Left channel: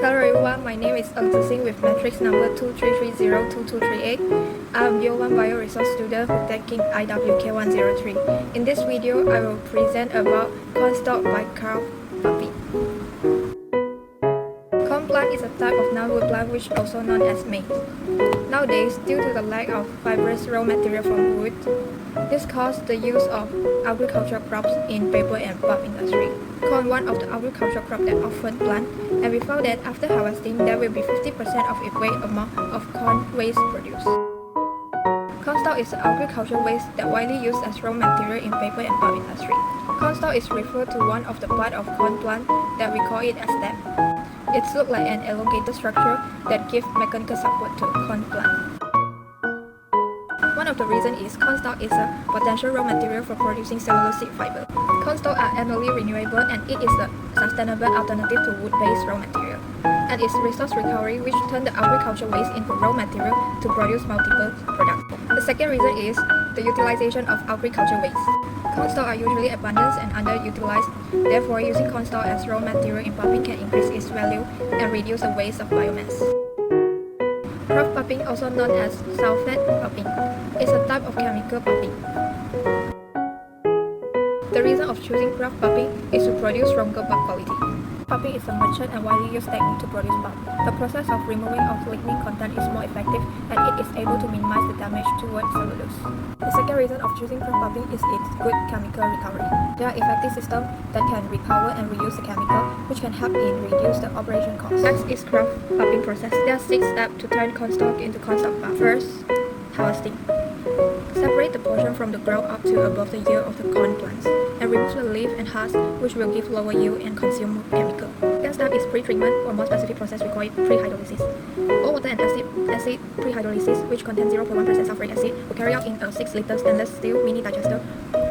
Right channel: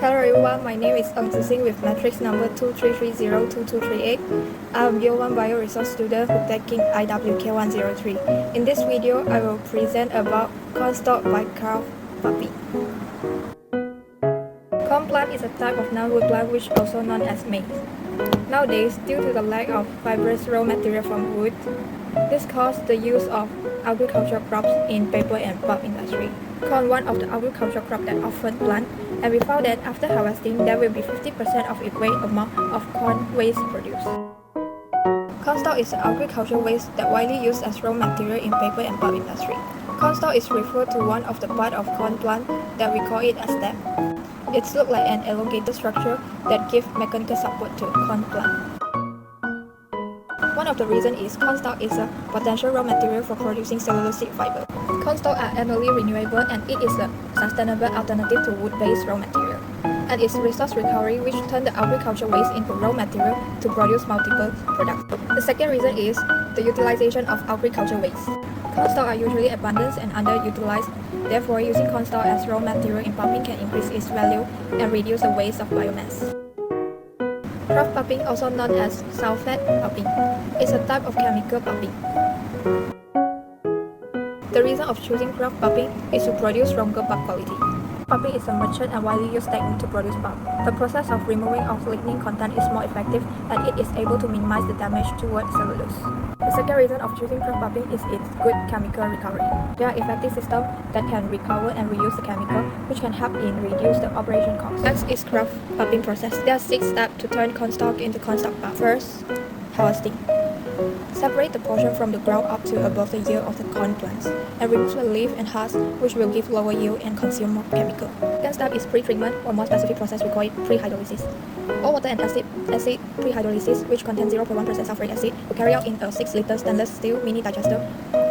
Hello everyone, my name is Sing with matrix number 23302238. I'm Year 1 Bioresource student who's taking IWK103. In this video, I will present about Cornstalk by Kraft Pulping. Corn plant is a type of non-wood plant which also known as maize. Nowadays, due to the lack of fibrous raw material from wood, this caused the use of agricultural crops in paper and pulp industry. Corn one of the agricultural crops that often plant, and we found that after harvesting, there will be 50% of its weight amount of corn waste produced. Cornstalk is an agricultural waste that widely used as raw material in paper and pulp industry. Cornstalk is referred to one of the part of corn plant that we call it as stem. It looks like an elongated structure that gives mechanical support to corn plant. One of the reasons is cornstalk is a potential raw material for producing cellulosic fiber. Cornstalk are annually renewable and it is a sustainable alternative to wood-based raw material. And its resource recovery which turns the agricultural waste into raw material to produce multiple products. The second reason is the utilization of agricultural waste. Cornstalk are usually abundant and underutilized, therefore using cornstalk as raw material in pulping can increase its value and reduce the waste of biomass. Kraft pulping, also known as sulfate pulping, is a type of chemical pulping. The reason of choosing Kraft pulping is to produce stronger pulp quality. Pulping is a mature and widely used technique to produce pulp. The process of removing of lignin content is more effective and it is able to minimize the damage towards cellulose. The second reason of choosing Kraft pulping is its good chemical recovery. There are effective systems that can recover and reuse the chemical, which can help in reduce the operation cost. Next is Kraft pulping process. There are 6 steps to turn cornstalk into cornstalk pulp. First, harvesting. Separate the portion from the ground up to above the yield of the corn plants and remove the leaf and husk, which will give lower yield and consume more chemical. Second step is pre-treatment, or more specific process we call it pre-hydrolysis. All water and acid pre-hydrolysis, which contains 0.1% sulfuric acid, will carry out in a 6-liter stainless steel mini digester.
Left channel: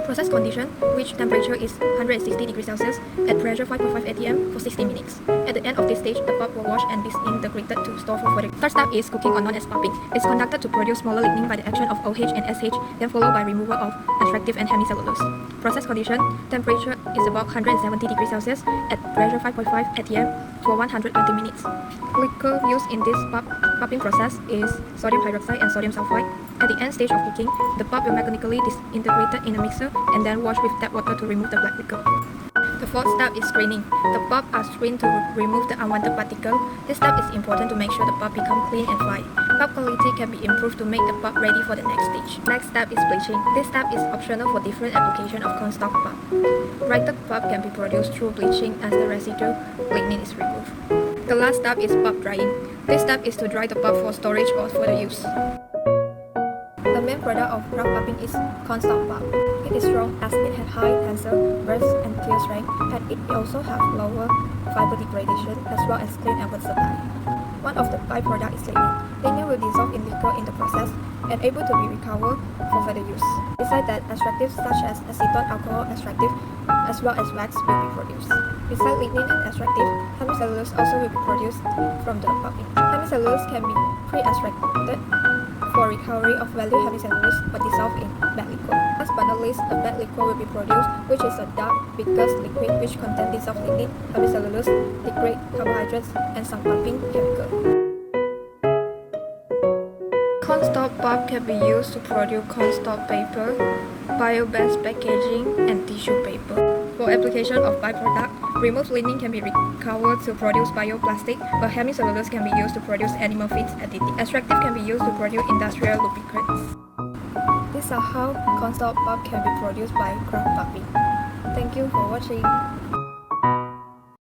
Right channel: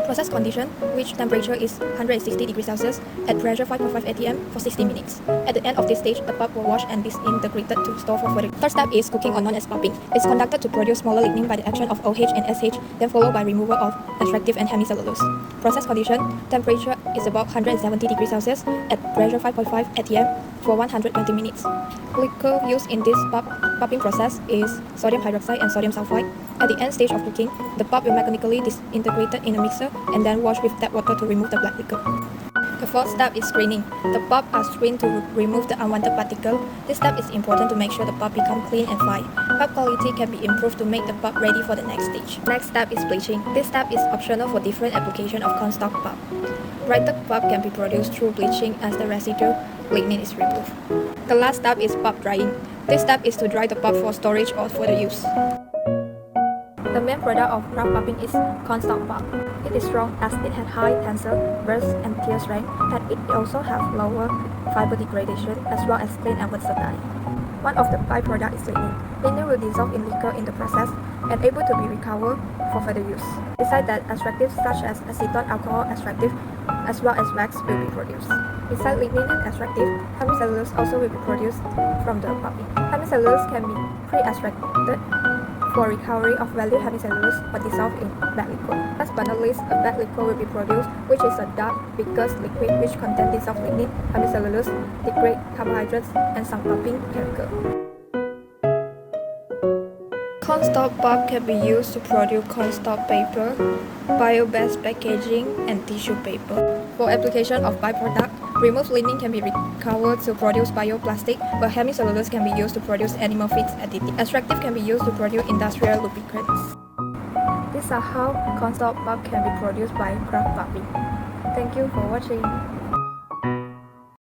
Process condition, which temperature is 160 degrees Celsius at pressure 5.5 atm for 60 minutes. At the end of this stage, the pulp will wash and disintegrated to store for further. Third step is cooking, or known as pulping. It's conducted to produce smaller lignin by the action of OH and SH, then followed by removal of extractive and hemicellulose. Process condition, temperature is about 170 degrees Celsius at pressure 5.5 atm for 120 minutes. Liquor used in this pulping process is sodium hydroxide and sodium sulfide. At the end stage of cooking, the pulp will mechanically disintegrate in a mixer and then wash with tap water to remove the black liquor. The fourth step is screening. The pulp are screened to remove the unwanted particle. This step is important to make sure the pulp becomes clean and fine. Pulp quality can be improved to make the pulp ready for the next stage. Next step is bleaching. This step is optional for different applications of cornstalk pulp. Brighter pulp can be produced through bleaching as the residual lignin is removed. The last step is pulp drying. This step is to dry the pulp for storage or further use. The main product of Kraft pulping is cornstalk pulp. It is strong as it has high tensile, burst, and tear strength, and it also has lower fiber degradation as well as clean and versatile. One of the byproducts is lignin. Lignin will dissolve in liquor in the process and able to be recovered for further use. Besides that, extractives such as acetone alcohol extractive as well as wax will be produced. Besides lignin and extractive, hemicellulose also will be produced from the pulping. Hemicellulose can be pre-extracted for recovery of valued hemicellulose but dissolved in bad liquid. Last but not least, a bad liquid will be produced, which is a dark, viscous liquid which contains dissolved lignin, hemicellulose, degrade carbohydrates, and some pulping chemical. Cornstalk pulp can be used to produce cornstalk paper, bio-based packaging, and tissue paper. For application of byproduct, removed lignin can be recovered to produce bioplastic, but hemicellulose can be used to produce animal feed additive. Extractive can be used to produce industrial lubricants. These are how cornstalk pulp can be produced by Kraft pulping. Thank you for watching.